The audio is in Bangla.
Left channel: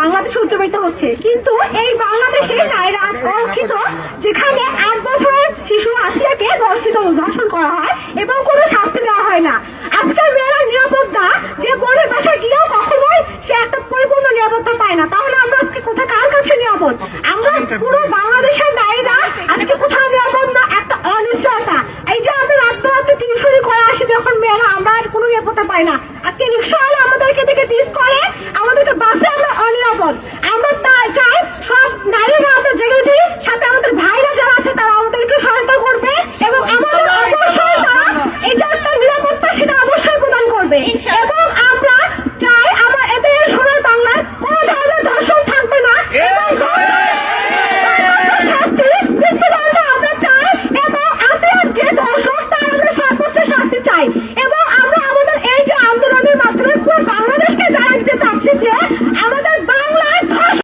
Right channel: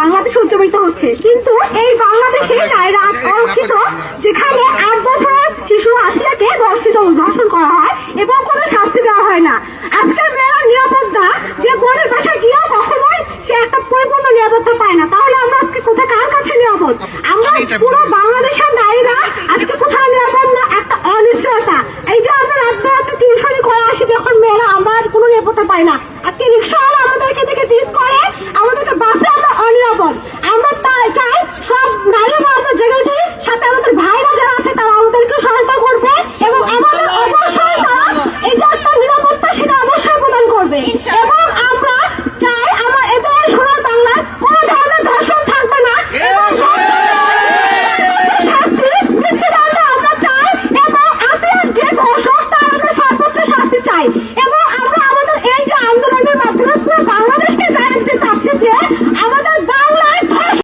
বাংলাদেশে উদযাপিত হচ্ছে, কিন্তু এই বাংলাদেশে নারীরা অরক্ষিত, যেখানে 8 বছরের শিশু আসিয়াকে ধর্ষণ করা হয় এবং কোনো শাস্তি দেওয়া হয় না। আজকের মেয়েরা নিরাপদ না, যে বোনের বাসায় গিয়েও কখনোই সে একটা পরিপূর্ণ নিরাপত্তা পায় না। তাহলে আমরা আজকে কোথায়, কার কাছে নিরাপদ? আমরা পুরো বাংলাদেশের নারীরা আজকে কোথায় নিরাপদ না? একটা অনিশ্চয়তা। এই যে আমরা রাত রাতে টিউশনি করে আসি যখন মেয়েরা, আমরা আর কোনো নিরাপত্তা পাই না। আজকে রিক্সাওয়ালা